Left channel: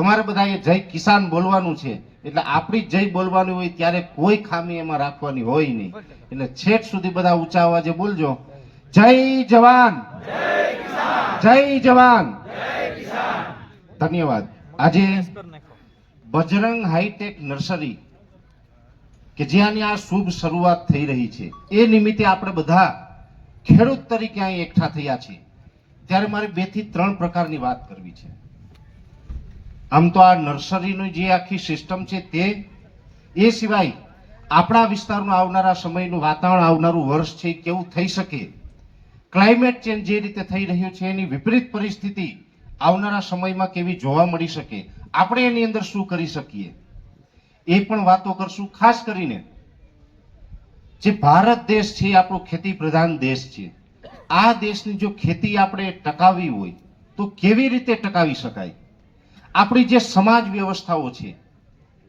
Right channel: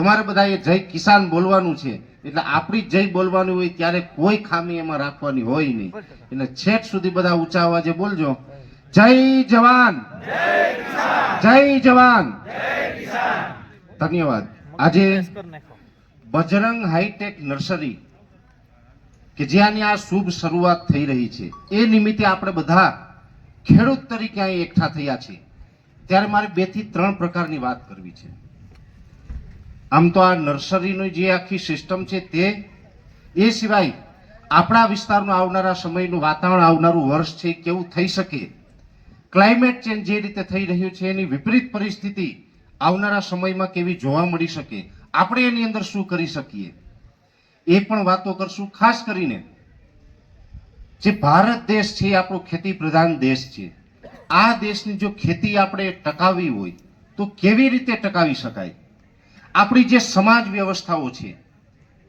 તમારે બધાએ જય કિસાન બોલવાનું છે. એટલે આપણી જય બોલવાનું હોય ત્યારે કોઈ ખામી એમાં રાખવાની હોય નહીં. એટલે છેક સુધી બધા ઊંચા અવાજે બોલજો. જય જવાન. જય જવાન ધન્યવાદ. આજે બજરંગ હાઈટેક નર્સરી, કે જ્યાંની આ શુભ શરૂઆત થઈ રહી છે, એ નિમિત્તે આપણે બધા ખેડૂત તરીકે અહીં એકઠા થયા છીએ. ત્યારે મારે બેથી ત્રણ પ્રકારની વાત કરવી છે. આમ તો આ નર્સરીની જે આખી સિસ્ટમ છે તે, એ સિવાય આપણા વિસ્તારનું આવનારા સમયનું વાતાવરણ આવનારું વર્ષ છે, કેવું થઈ શકે ક્લાઇમેટ ચેન્જ જે રીતે થઈ રહ્યું છે, એની વિપરીત પરિસ્થિતિ આવનારા સમયમાં કેવી જોવા મળી શકે, આપણે એની અંદર શું કરી શકીએ? એ પણ વાતો કરશું, ખાસ કરીને જે ભારત દેશ છે આપણો ખેતી પ્રધાન દેશ છે. આ દેશની જો ખેતી આપણે ટકાવવી હોય, તો કેવી રીતે ટકાવી શકાય? આપણી જે સમાજ વ્યવસ્થાઓ છે,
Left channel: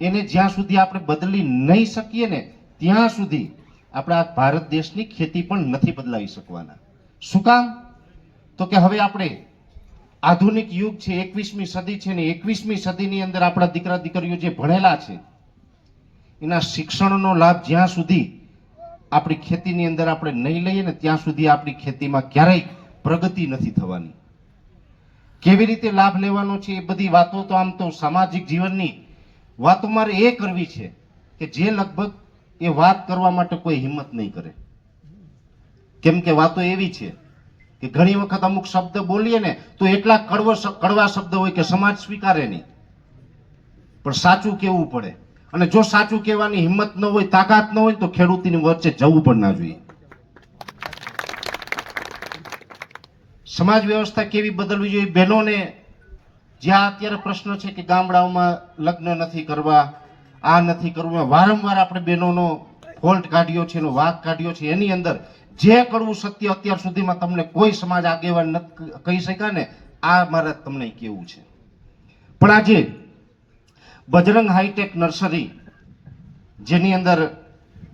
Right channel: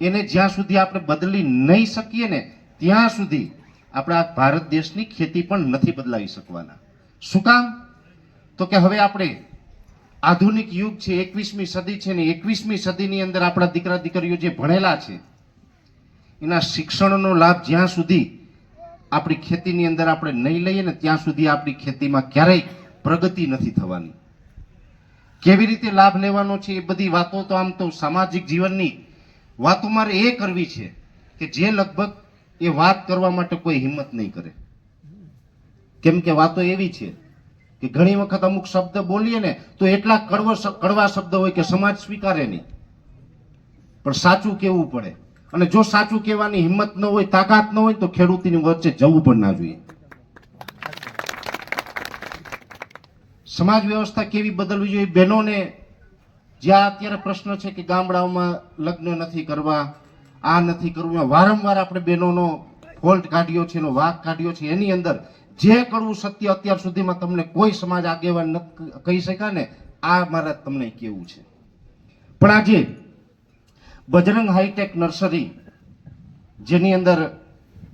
એને જ્યાં સુધી આપણે બદલી નહીં શકીએ ને, ત્યાં સુધી આપણા ભારત દેશની ખેતી પણ નથી બદલાવી શકવાના. શું કામ? તો કે હવે આપણે આધુનિક યુગ છે, એકવીસમી સદી છે ને એકવીસમી સદીની અંદર આપણા દીકરા દીકરીઓ જે ભણેલા છે, એના શિક્ષણનો લાભ જ્યાં સુધી આપણી ખેતીની અંદર આપણે નહીં લઈએ ને, ત્યાં સુધી આપણી ખેતીમાં ક્યારેય પ્રગતિ નથી થવાની. કેવી રીતે લાભ લેવાનો છે એ બધી વાતો તો આમ તો સામાજિક જીવનની વાતો મારે એ કરવી છે કે જે લગભગ એ વાત કરવા માટે કોઈ હિંમત નહીં કરે. કેમ કે વાતો એવી છે કે ઘણી વખત અમુક શબ્દ બોલીએ ને તો એટલા કડવો કડવા શબ્દ હોય કે સમાજ સ્વીકારે નહીં. પણ સાચું કેવું પડે? અને જો સાચું કહેવાની હિંમત ન હોય, તાકાત ન હોય તો ખેડૂતની વચ્ચે જવું પણ ના જોઈએ. સમાજ વ્યવસ્થા કેવી બદલવી જોઈએ? બહેનોને જ્યાં અત્યારે પ્રશ્ન છે કે ગામડાઓમાં લગ્ન નથી કરવા, આ નથી કરવું, વારંવાર આપણે બહેનોનો ફોલ્ટ કાઢ્યો છે, એનો વાક કાઢ્યો છે, એની અંદર જે કરવું સત્ય અત્યાર સુધીમાં તમને કોઈ સમાજ આગેવાન કહી શક્યા ને, આ મારે તમને કેવું છે. પણ આજે બજરંગ હાઈટેક નર્સરી, જેની અંદર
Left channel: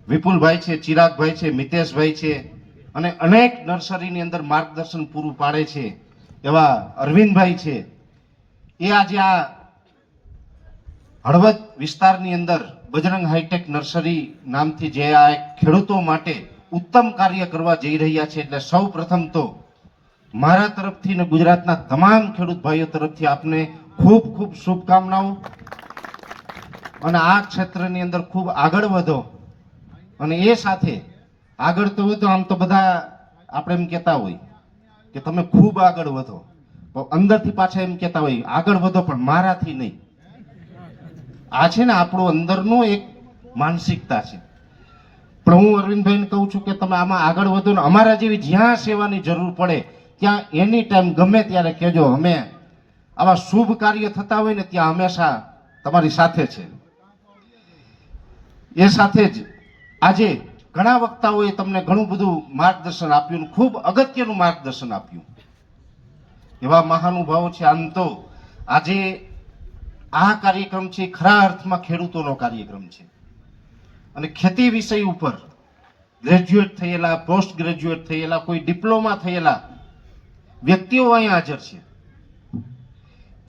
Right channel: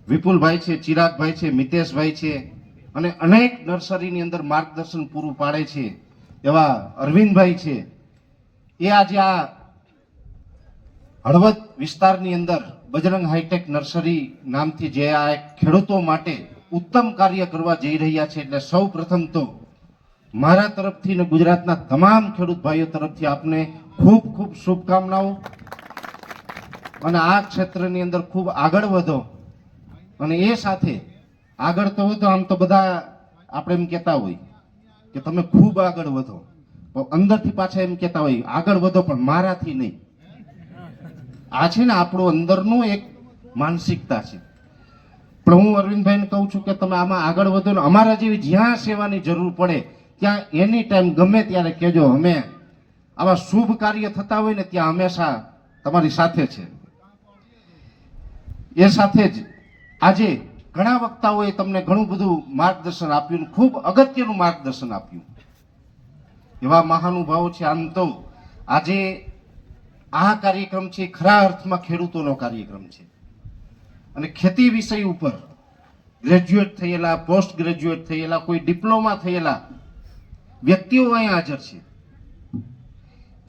વિપુલભાઈ છે, ચિરાગભાઈ છે, મિતેશભાઈ છે અને અનેક નર્સરીની અંદર માર્ગદર્શન પૂરું પાડે છે, એવા અરવિંદભાઈ છે. એ આજે આ હળવદ વિસ્તારની અંદર બજરંગ હાઈટેક નર્સરી નામથી જે આ ખેડૂતો માટે ઉત્તમ કાર્ય કરવા જઈ રહ્યા છે, એટલે સૌ પ્રથમ તો મારા તરફથી ને ગુજરાતના તમામ ખેડૂત ભાઈઓ તરફથી આપને ખૂબ ખૂબ શુભકામનાઓ. અને આ ક્ષેત્રની અંદર ખૂબ આગળ વધો. અને એ સાથે આગળ તો વધો, આમ તો બધા આપણે એમ કહેતા હોય કે તમે ખૂબ આગળ વધો. પણ અંદરથી પાછા એમ કહેતા હોય, આગળ વધો, પણ મારાથી નહીં. આ છે ને આપણો અંદરનો એક માનસિકતા છે. પણ હું અરવિંદભાઈને કહું છું કે તમે આમાં આગળ વધો ને, અમારા જેવી જ્યાં સેવાની જરૂર પડે, ત્યાં એની ટાઈમ ગમે ત્યારે કહેજો, અમે આવા શુભ કાર્ય થતા હોય ને, ત્યાં હંમેશા તમારી સાથે છે. એ સાથે જ આજે ઘણા વક્તાઓએ તમને ઘણું બધું માર્ગદર્શન આપ્યું ખૂબ અગત્યનું માર્ગદર્શન આપ્યું. એવા મહાનુભાવો છે આમ તો આજે આ કાર્યક્રમ છે, ખરા અર્થમાં ખેડૂતોનો કાર્યક્રમ છે. અને ખેતી વિષય ઉપર ગ્રેજ્યુએટ થયેલા પોસ્ટ ગ્રેજ્યુએટ થયેલા, કોઈ ડિપ્લોમા થયેલા વ્યક્તિઓ અહીં હાજર છે.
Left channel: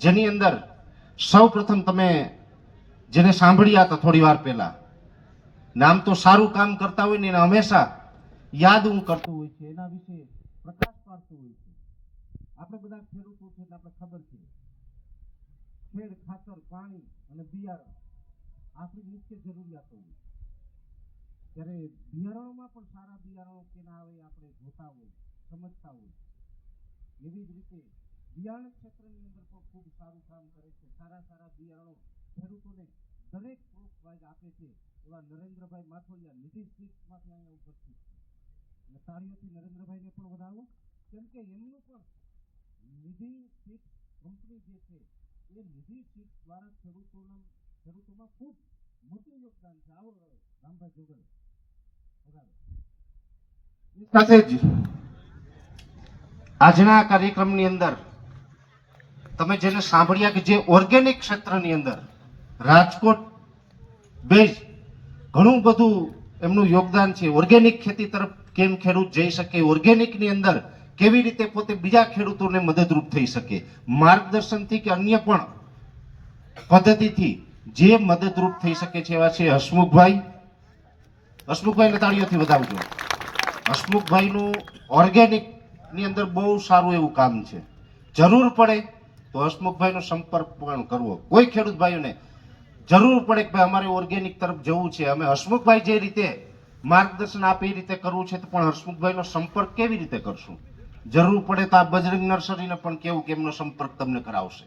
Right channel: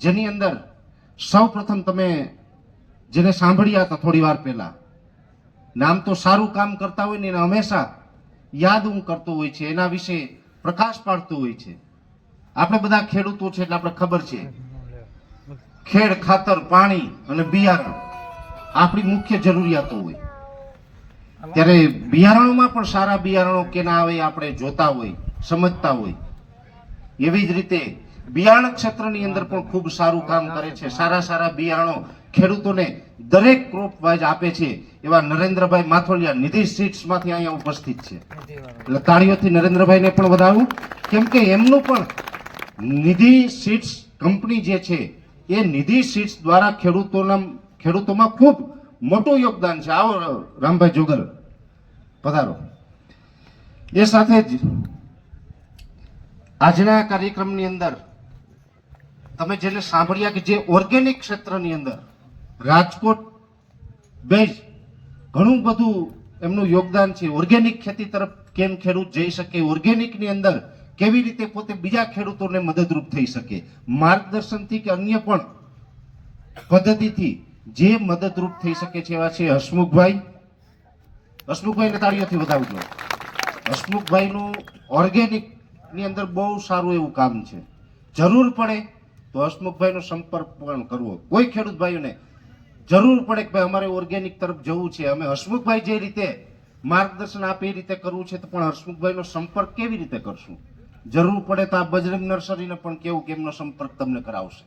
જેની અંદર સૌ પ્રથમ તમે જેને સાંભળ્યા હતા થોડી વાર પહેલા ને આમ તો સારું કામ કરતા હોય ને એને હંમેશા યાદ હું કરતો હોય છે, એના વિશે પ્રકાશ પાડતો હોય છે. આપણે બધા ખેડૂતો છે એટલે આપણે ખબર છે. ખેડ, ખાતર, પાણી અને બિયારણ આપણી મુખ્ય જરૂરિયાતો હોય. ત્યારે બિયારણોમાં પણ સારા બિયારણો કેના આવે આપણે જોતા હોય, સમજતા હોય. એવી જ રીતે બિયારણ ક્ષેત્રની અંદર પણ ખૂબ સારું કામ કરે છે. સારા સારા બિયારણો ખેડૂતોને દરેક ક્રોપ વાઇઝ આપે છે એવા નરેન્દ્રભાઈ માથોલિયા નિધિ સીટ્સમાંથી અહીંયા ઉપસ્થિત છે. એટલે તાળીઓથી નરેન્દ્રભાઈને પણ વધારું કેમ કે એમનું પણ નિધિ સીટ્સ કંપની જે છે, એ નિધિ સીટ્સ દ્વારા ખેડૂતોના ખેડૂતોમાં ખૂબ મોટું યોગદાન છે. આવો, રામભાઈ જોગલ, પધારો. એ સાથે જ આજના કાર્યક્રમની અંદર તમે જેને સાંભળ્યા કે જે ઓર્ગેનિક ક્ષેત્રની અંદર રાજકોટ બેઝ ઘણું બધું એમનું યોગદાન છે. ઓર્ગેનિક ખેતી તરફ કેમ ખેડૂત જઈ શકે? ઓર્ગેનિકની અંદર કેવી રીતે પોતે બીજા ખેડૂતોને મદદરૂપ થઈ શકે? માર્ગદર્શનથી કે અન્ય પણ પદ્ધતિથી જે મદદરૂપ થઈ શકે છે એવા છે હસમુખભાઈ. હસમુખભાઈને તાળીઓથી વધાવજો. હસમુખભાઈનું ઓર્ગેનિકની અંદર બહુ સારું એવું કામ છે. જરૂર પડે તો હસમુખભાઈનો સંપર્ક પણ કરવો. કોઈ ખેડૂત ભાઈઓને જરૂર પડે કે ભાઈ અમારે ઓર્ગેનિક તરફ જવું છે. અમે હસમુખભાઈ જે રીતે માર્ગદર્શન આપે એ રીતે કરવું છે તો પણ હસમુખભાઈનો સંપર્ક કેવી રીતે કરશું? જરૂર પડે તો આ બજરંગ નર્સરીને પણ કેવું કે એમનો સંપર્ક તમને કરાવશે.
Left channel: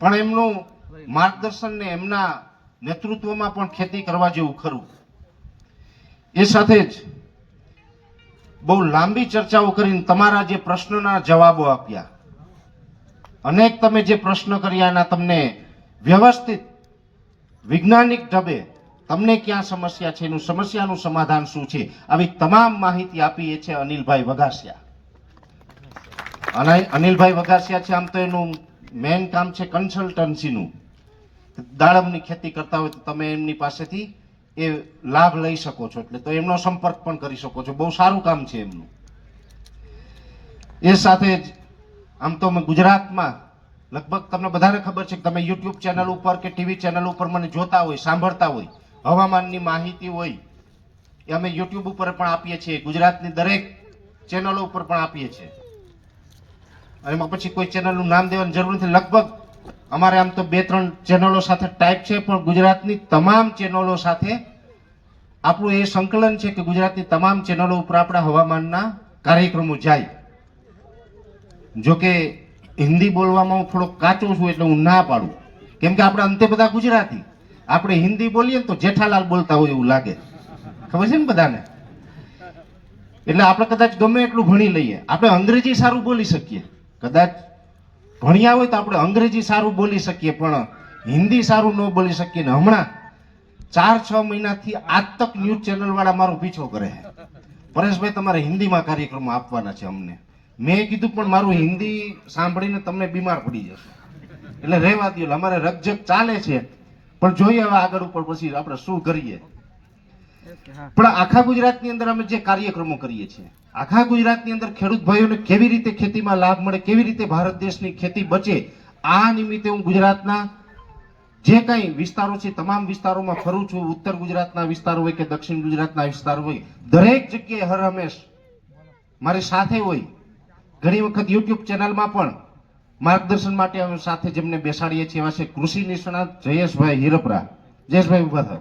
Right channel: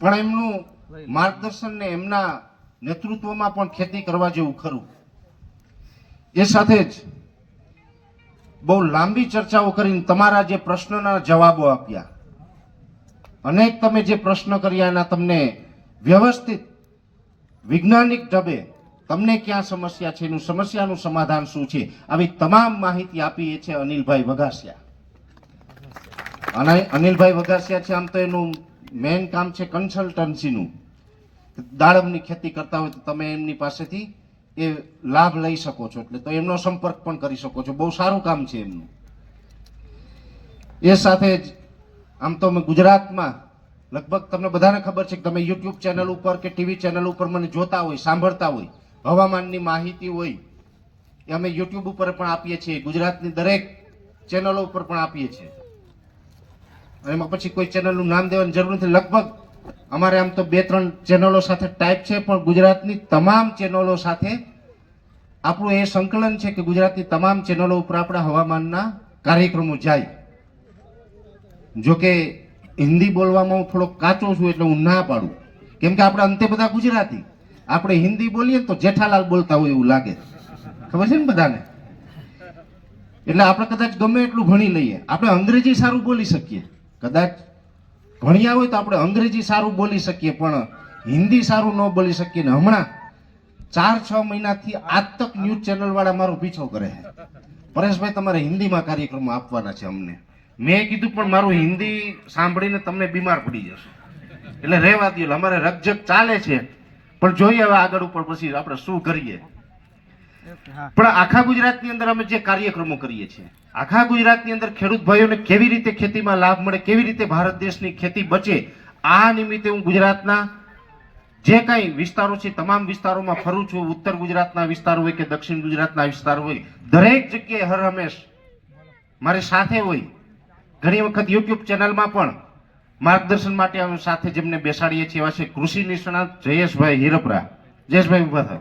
પણ એમનું માર્ગદર્શન ને એમના નેતૃત્વમાં પણ ખેતી કરવા જેવું ખરું. એ સાથે જ બહુ લાંબી ચર્ચાઓ કરીને તમારા જે પ્રશ્નના જવાબો આપ્યા. અનેક તમે જે પ્રશ્ન કર્યા એના તમને વ્યવસ્થિત વૈજ્ઞાનિક ઢબે તમને ક્યાં સમસ્યા છે? એનું સમસ્યાનું સમાધાન શું છે? આવી તમામ માહિતી આપી એ છે અનિલભાઈ વઘાસિયા. અને અનિલભાઈ વઘાસિયા છે, આમ તો એનું મેઇન કામ છે કન્સલ્ટન્સીનું દાડમની ખેતી કરતા હોય તો તમે એમની પાસેથી એ લાભ લઈ શકો છો. એટલે તો એમનો સંપર્ક પણ કરી શકો છો. બહુ સારું કામ છે એમનું. એ સાથે જ આમ તો અમે ગુજરાતમાં લગભગ તમને બધાને ખબર છે કે તમે યુટ્યુબ ચેનલ ઉપર કે ટીવી ચેનલ ઉપર મને જોતા હોય, સાંભળતા હોય, હવામાનની માહિતી હોય, એ અમે યુટ્યુબ ઉપર પણ આપીએ છીએ, ગુજરાતની દરેક ચેનલો ઉપર પણ આપીએ છીએ. એમાં પછી કોઈ ચેનલનું નામ દેવાની જરૂર નથી. લગભગ અમારે આમ તો બે ત્રણ ચેનલો સાથે ટાઈપ છે, પણ ગુજરાતની તમામ ચેનલો સાથે આપણું એ સંકલન છે કે ગુજરાતની તમામ ચેનલો ઉપર આપણા હવામાનના કાર્યક્રમો જાય. જો કે હિન્દી બોલવામાં હું થોડો કાચો છું એટલે હું ના પાડું. કેમ કે આપણે અંતે બધા ગુજરાતી. આપણે હિન્દી બોલીએ તો જેઠાલાલ બોલતા હોય એવું લાગે. ખબર છે ને બધાને? એટલે આપણે કદાચ ગમે એટલું ભણી લઈએ. આપણે અંગ્રેજી સારું બોલી શકીએ. કદાચ ભણ્યા હોય તો આપણે અંગ્રેજી સારું બોલી શકીએ, પણ હિન્દી સારું ન બોલી શકીએ ને હમણાં ચાર છ મહિનાથી આજ તક ન્યૂઝ ચેનલવાળા મારો પીછો કરે છે. પરેશભાઈ, તમારે હિન્દીમાં કાર્યક્રમો આપવાના છે અમને. મેં કીધું પણ મારું હિન્દી સાંભળીને તમને બીમાર પડી જશે. એટલે રહેવા દો અમારે રકજક ચાલે છે. પણ જોઈએ હવે આગળ ઉપર પછી આપણે શું કરીએ. પણ આખા ગુજરાતની અંદર અમે જે કાર્યક્રમો કરીએ છીએ આખા ગુજરાતની અંદર ખેડૂત ભાઈઓને કેવી રીતે ખેતીમાં લાભ મળે કેવી રીતે ભારત દેશની ખેતી બચે આ નિમિત્તે હું ગુજરાતના જે કાંઈ વિસ્તારો છે તમામ વિસ્તારોમાં ફરું છું. ઉત્તર ગુજરાતના વિસ્તારો હોય કે દક્ષિણ ગુજરાતના વિસ્તારો હોય દરેક જગ્યાએ હર હંમેશ મારી સાથે હોય. ઘણી વખત યુટ્યુબ ચેનલમાં પણ માર્ગદર્શન માટે અમે સાથે જેમને બેસાડીએ છીએ એવા છે કૃષિ નિષ્ણાત જયેશભાઈ હિરપરા. જયેશભાઈ ઊભા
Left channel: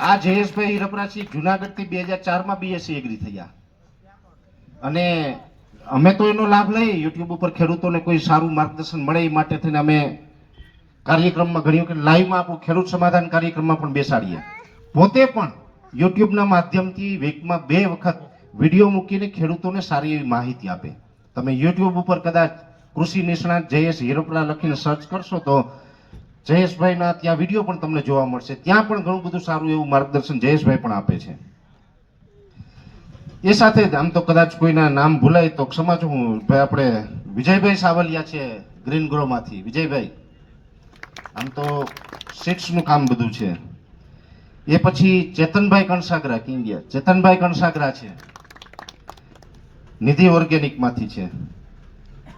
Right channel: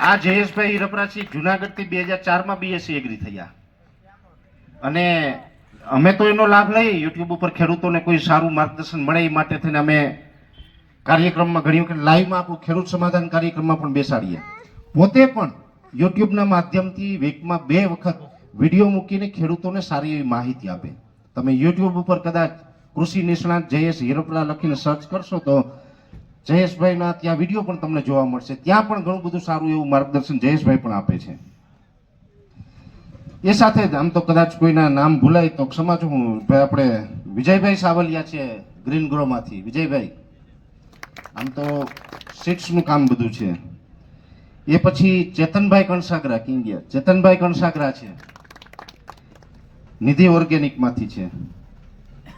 આ જયેશભાઈ હિરપરાથી જુનાગઢથી બે હજાર ચારમાં બીએસસી એગ્રી થયા. અને અમે તો એનો લાભ લઈએ યુટ્યુબ ઉપર ખેડૂતોને કોઈ સારું માર્ગદર્શન મળે એ માટે થઈને અમે કાર્યક્રમમાં ઘણી વખત લાઈવમાં આપણું ખેડૂત સમાધાન કાર્યક્રમમાં પણ બેસાડીએ. પોતે પણ યુટ્યુબના માધ્યમથી વીકમાં બે વખત વીડિયો મૂકીને ખેડૂતોને સારી એવી માહિતી આપે. તમે યુટ્યુબ ઉપર કદાચ કૃષિ નિષ્ણાત જયેશ હિરપરા લખીને સર્ચ કરશો તો જયેશભાઈના ત્યાં વીડિયો પણ તમને જોવા મળશે. ત્યાં પણ ઘણું બધું સારું એવું માર્ગદર્શન જયેશભાઈ પણ આપે છે. એ સાથે જ આમ તો કદાચ કોઈના નામ ભૂલાય તો ક્ષમા છું હું ભાઈ આપણે વિજયભાઈ સાવલિયા છે ગ્રીન ગ્રોમાંથી વિજયભાઈ, આમ તો સીટ્સનું કામ બધું છે. એ પછી ચેતનભાઈ કણસાગરા કિંગિયા ચેતનભાઈ કણસાગરા છે. નિધિ ઓર્ગેનિકમાંથી છે.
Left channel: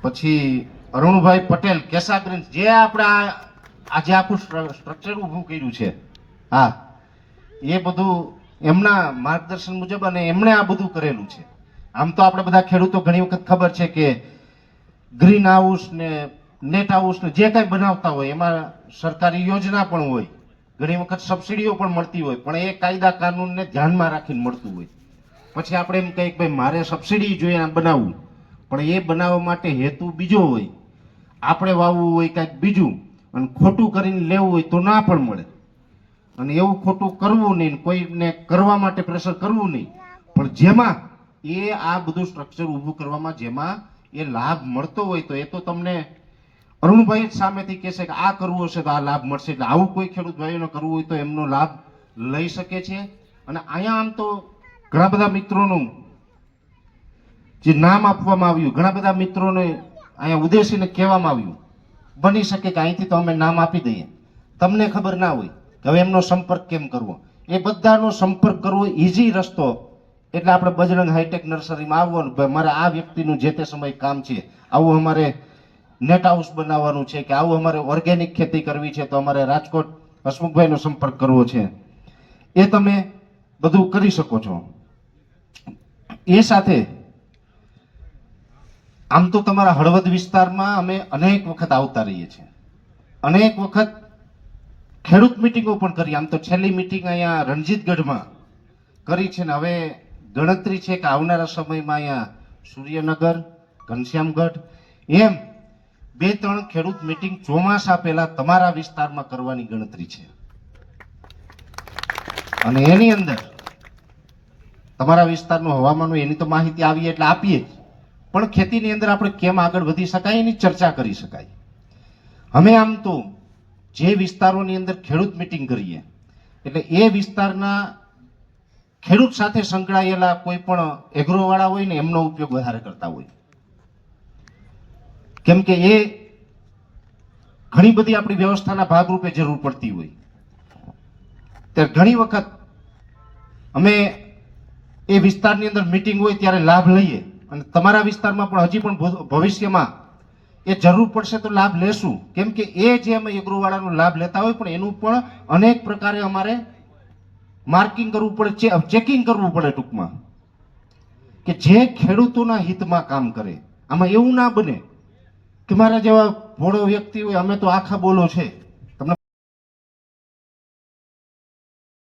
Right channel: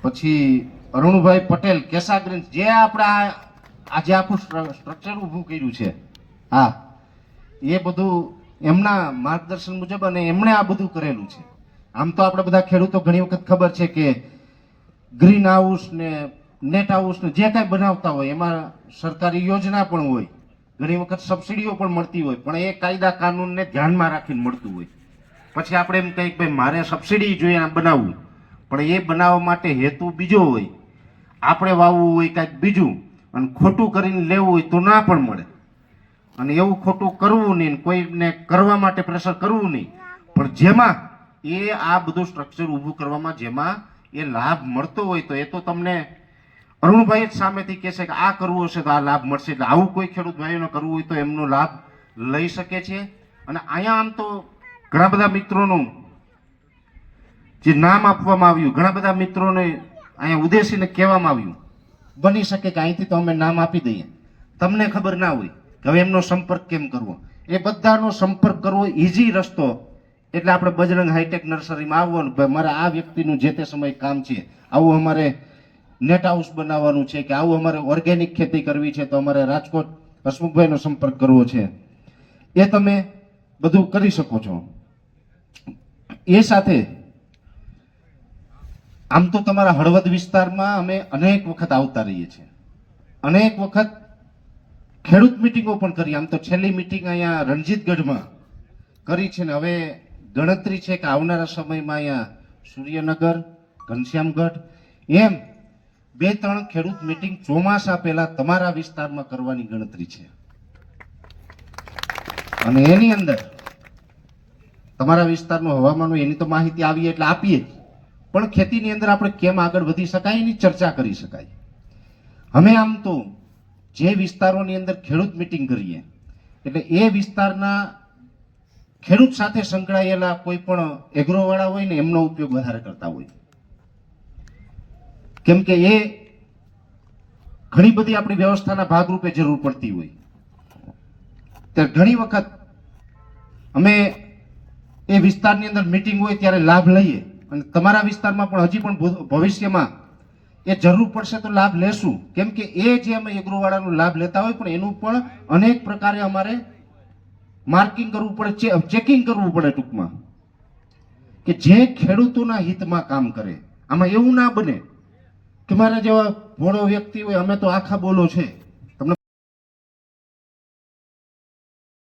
પછી અરુણભાઈ પટેલ કેસા જે આપણા આજે આખું સ્ટ્રક્ચર ઊભું કર્યું છે. હા, એ બધું એમના માર્ગદર્શન મુજબ અને એમણે આ બધું કરેલું છે. આમ તો આપણે બધા ખેડૂતો ઘણી વખત ખબર છે કે ગ્રીન હાઉસ ને નેટ હાઉસ ને જે કંઈ બનાવતા હોય, એમાં સરકારી યોજના પણ હોય, ઘણી વખત સબસિડીઓ પણ મળતી હોય, પણ એ કાયદા કાનૂનને ધ્યાનમાં રાખીને મળતું હોય. પછી આપણે એમ કહીએ કે ભાઈ, મારે સબસિડી જોઈએ બનાવવું. પણ એ બનાવવા માટે હેતુ બીજો હોય. આપણે વાવવું હોય કાંઈક બીજું, અને ખોટું કરીને લેવું હોય તો ના પણ મળે. અને એવું ખોટું કરવું નહીં, કોઈને કરવા માટે પ્રેશર કરવું નહીં. પણ જેમાં એ આ બધું સ્ટ્રક્ચર ઊભું કરવામાં જેમાં એ લાભ મળતો હોય તો એ તો તમને અરુણભાઈ જ સામેથી કહેશે કે આ કરવું હશે તો આ લાભ મળશે. એટલે આવું કોઈ ખેડૂત ભાઈઓને કરવું હોય તો એમનો લાભ લઈ શકે છે. અને અહીંયા આમ તો ઘણા બધા મિત્રોનું જે નામ આપવામાં આવ્યું, ઘણા બધા મિત્રોને અહીંયા ઉદ્દેશીને કહેવામાં આવ્યું, બની શકે કે અહીંથી તો અમે નામ આપી દઈએ. તમને ખબર ના હોય કે હવે એમનો સંપર્ક કેમ કરવો? એ બધાનો સંપર્ક કરવો ઇઝી રસ્તો. એટલે આપણે બજરંગ હાઈટેક નર્સરીમાં આવવાનું ભાઈ મારે આ વ્યક્તિનું જે તે સમય કામ છે, આવું અમારે નેટ હાઉસ બનાવવાનું છે કે આવું અમારે ઓર્ગેનિક ખેતી કરવી છે તો અમારે રાજકોટ હસમુખભાઈનો સંપર્ક કરવો છે. એ તમે બધું કરી શકો છો. એ સાથે આમ તો તમારા હળવદ વિસ્તારમાં અમે અનેક વખત આવતા રહીએ છીએ. અનેક વખત ખેડૂત મિટિંગો પણ કરી. આમ તો છેલ્લી મિટિંગ અહીંયા રણજીતગઢમાં કરી છે ને હવે ગણતરી છે કે આવનારા સમયમાં અહીંયા સૂર્યનગર, ઘનશ્યામગઢ એમ બે ત્રણ ખેડૂત મિટિંગ ચોમાસા પહેલા તમારા વિસ્તારમાં કરવાની ગણતરી છે. અને એની અંદર તમારા વિસ્તારનું હવામાનનું એની તો માહિતી આવીએ એટલે આપીએ પણ ખેતીની અંદર આપણે કેમ આગળ વધી શકાય એની ચર્ચા કરી શકાય. અમે આમ તો જે વિસ્તારોની અંદર ખેડૂત મિટિંગ કરીએ, એટલે એ વિસ્તારના ખેડૂત સાથે સંકળાયેલા કોઈ પણ એગ્રોવાળા હોય ને એમનો ઉપયોગ વધારે કરતા હોય. કેમ કે એ ઘણી બધી આપણી વ્યવસ્થાના ભાગરૂપે જરૂર પડતી હોય. તે ઘણી વખત અમે એ વિસ્તારની અંદર મિટિંગ હોય ત્યારે લાભ લઈએ. અને તમારા વિસ્તારમાં પણ હજી પણ ભવિષ્યમાં એ જરૂર પડશે તો લાભ લેશું. કેમ કે એ જે અમે એગ્રોવાળાનો લાભ લેતા હોય પણ એનું પણ અનેક પ્રકારે અમારે માર્કિંગ કરવું પડે ચેકિંગ કરવું પડે ટૂંકમાં. કે જે ખેડૂતોના હિતમાં કામ કરે. આમાં એવું ના બને કે મારા જેવા ભોળો વ્યક્તિ હોય, અમે તો આખા બોલો છે.